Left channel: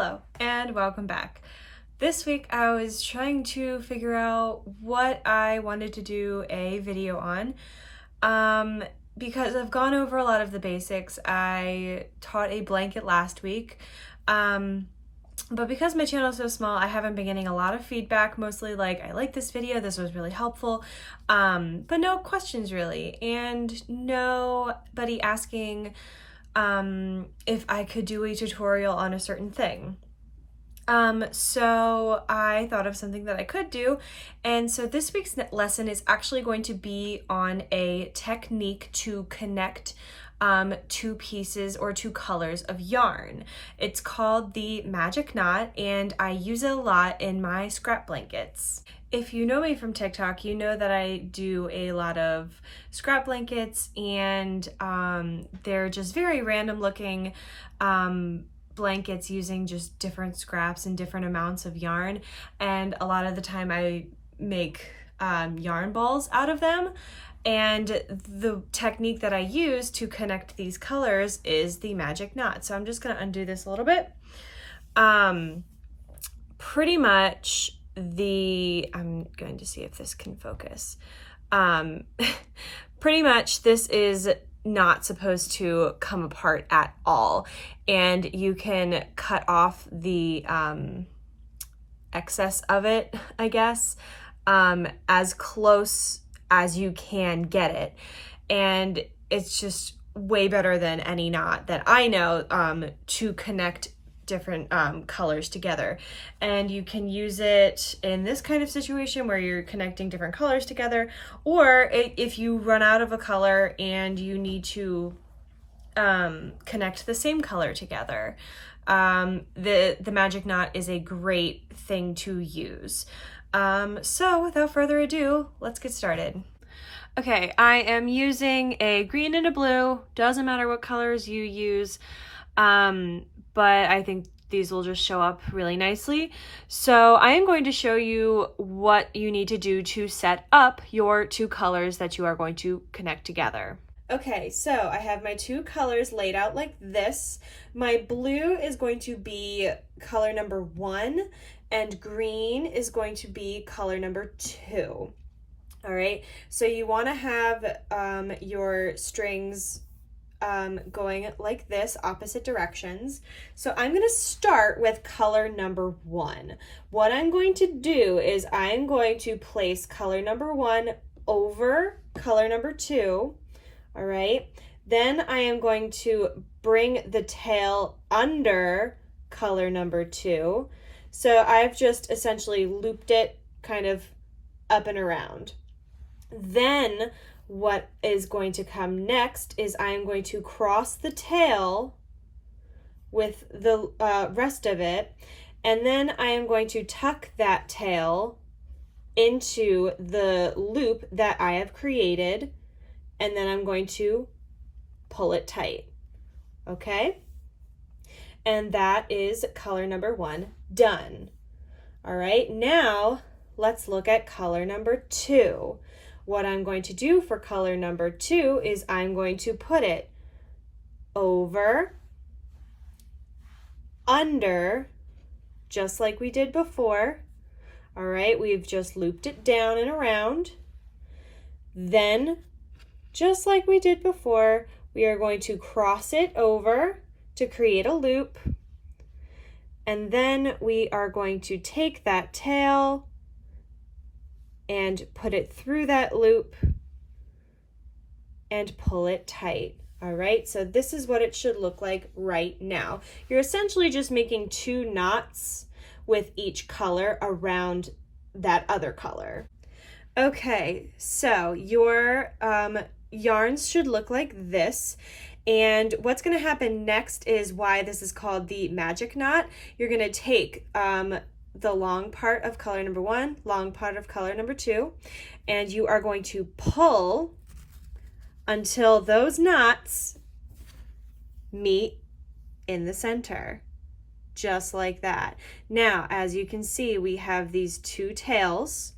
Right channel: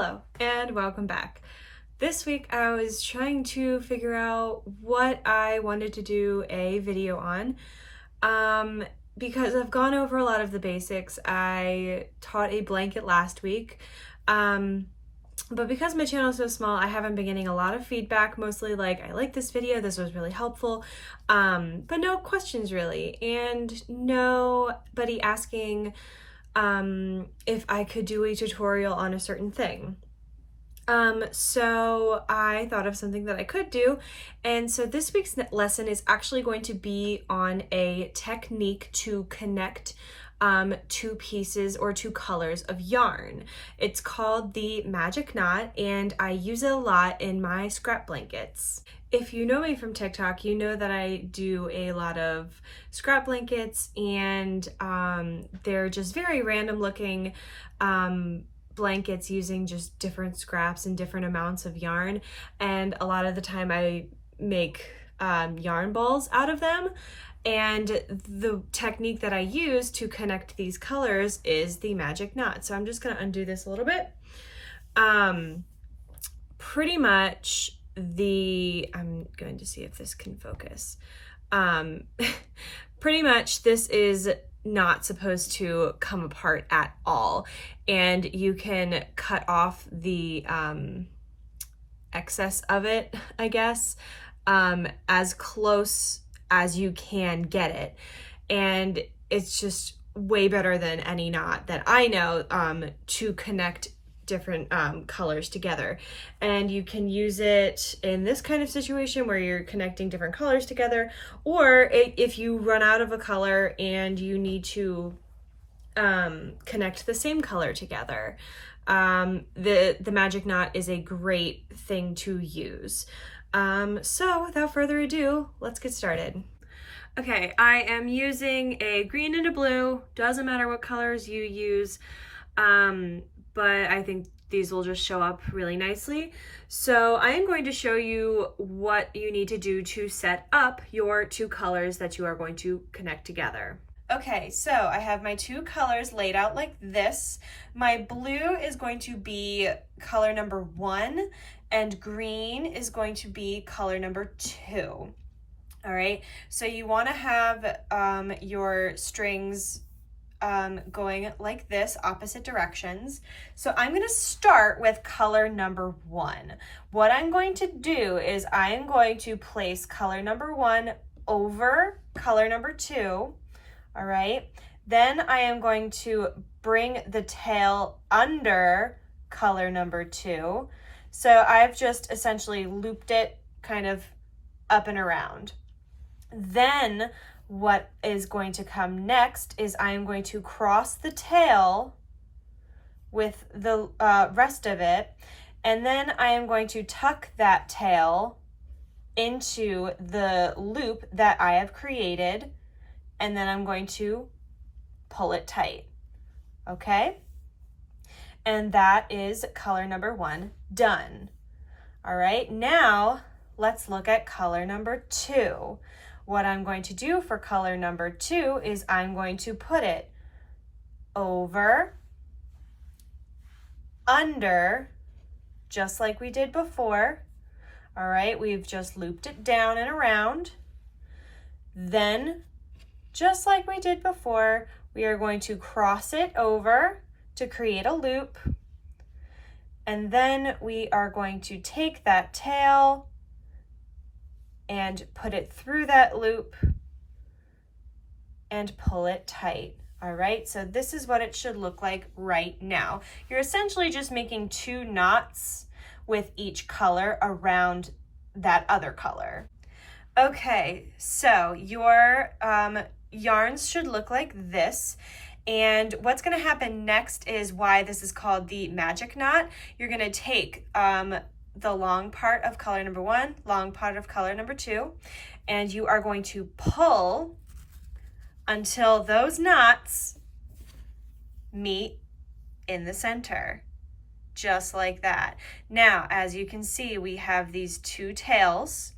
Hello and welcome back. This week I was trying to figure out what I wanted to do a video on because I've gone over a lot of the basics. I taught a blanket last week, but because my channel is so small, I haven't been getting a lot of feedback, mostly like, I like this video, this was really helpful, but no questions really, and nobody asking if I could do a tutorial on a certain thing. So I thought of something that I could do, and so this week's lesson is actually going to be on a technique to connect two pieces or two colors of yarn. It's called the magic knot, and I use it a lot in my scrap blankets. If you know me from TikTok, you know that I do a lot of scrap blankets, and they're just very random looking blankets using just different scraps and different amounts of yarn, and a lot of the time I make yarn balls out of them. And the technique that I use to connect these colors is the magic knot. So I'm just going to undo this a little bit. Pretty much I'm going to see if this can focus. Pretty much this is not supposed to come apart at all, and you can cut off the excess of it, I guess, as close as you can get it, and it's just way better than any knot that I know to connect different colors together. And you can use it in this kind of situation where you're connecting different colors together, or if you run out of a color and you need to connect the same color together. The magic knot is a great thing to use. So without further ado, let's get started. Okay, I am using a green and a blue, doesn't matter what colors you use, but I think these will just show up really nicely. So I am going to show you what you need to do to set up your two colors that you are going to connect together. Okay, so I have my two colors laid out like this. My blue is going to be color number 1, and green is going to be color number 2. All right, so you want to have your strings going like this, opposite directions. So I'm going to start with color number 1. What I'm going to do is I am going to place color number 1 over color number 2. All right, then I am going to bring the tail under color number 2. So I've just essentially looped it kind of up and around. Then what is going to come next is I am going to cross the tail with the rest of it, and then I am going to tuck that tail into the loop that I have created, and then I'm going to pull it tight. Okay? And that is color number 1 done. All right, now let's look at color number 2. What I'm going to do for color number 2 is I'm going to put it over, under, just like we did before. All right, we've just looped it down and around. Then, just like we did before, we are going to cross it over to create a loop. And then we are going to take that tail and put it through that loop and pull it tight. All right, so this is what it should look like right now. You're essentially just making 2 knots with each color around that other color. Okay, so your yarns should look like this. And what's going to happen next is why this is called the magic knot. You're going to take the long part of color number 1, long part of color number 2, and you are going to pull until those knots meet in the center, just like that. Now, as you can see, we have these 2 tails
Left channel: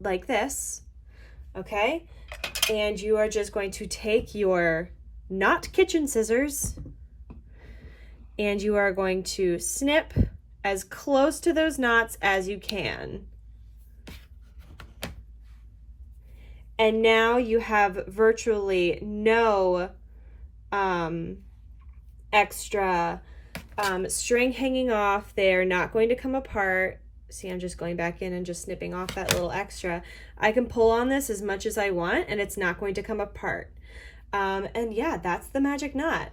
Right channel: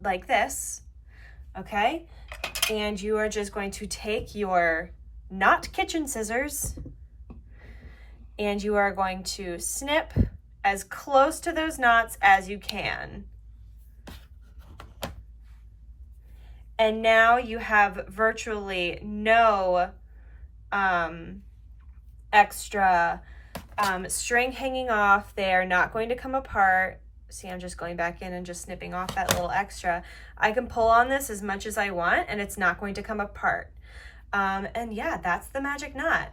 like this, okay? And you are just going to take your not kitchen scissors and you are going to snip as close to those knots as you can. And now you have virtually no extra string hanging off. They're not going to come apart. See, I'm just going back in and just snipping off that little extra. I can pull on this as much as I want and it's not going to come apart. And yeah, that's the magic knot.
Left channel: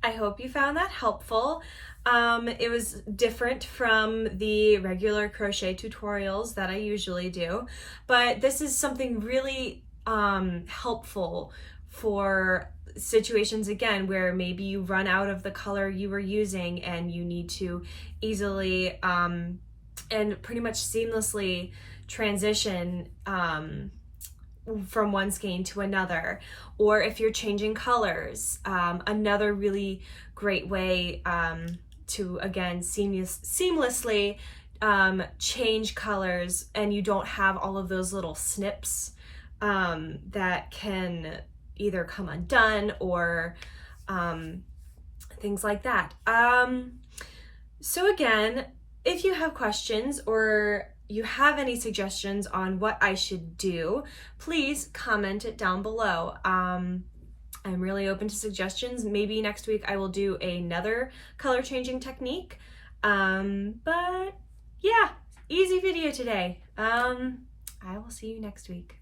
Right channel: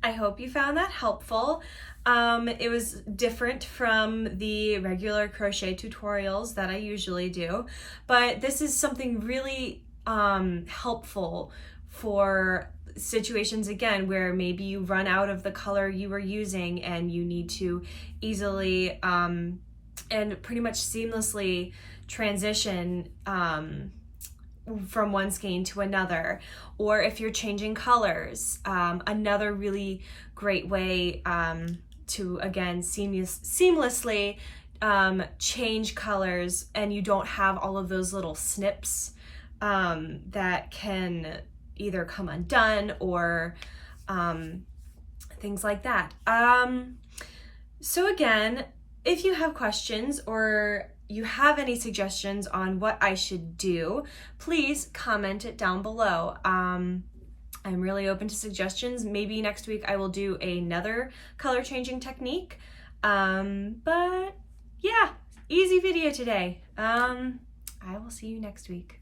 I hope you found that helpful. It was different from the regular crochet tutorials that I usually do, but this is something really helpful for situations, again, where maybe you run out of the color you were using and you need to easily and pretty much seamlessly transition from one skein to another, or if you're changing colors. Another really great way to, again, seamlessly change colors, and you don't have all of those little snips that can either come undone or things like that. So again, if you have questions or you have any suggestions on what I should do, please comment it down below. I'm really open to suggestions. Maybe next week I will do another color changing technique. But yeah, easy video today. I will see you next week.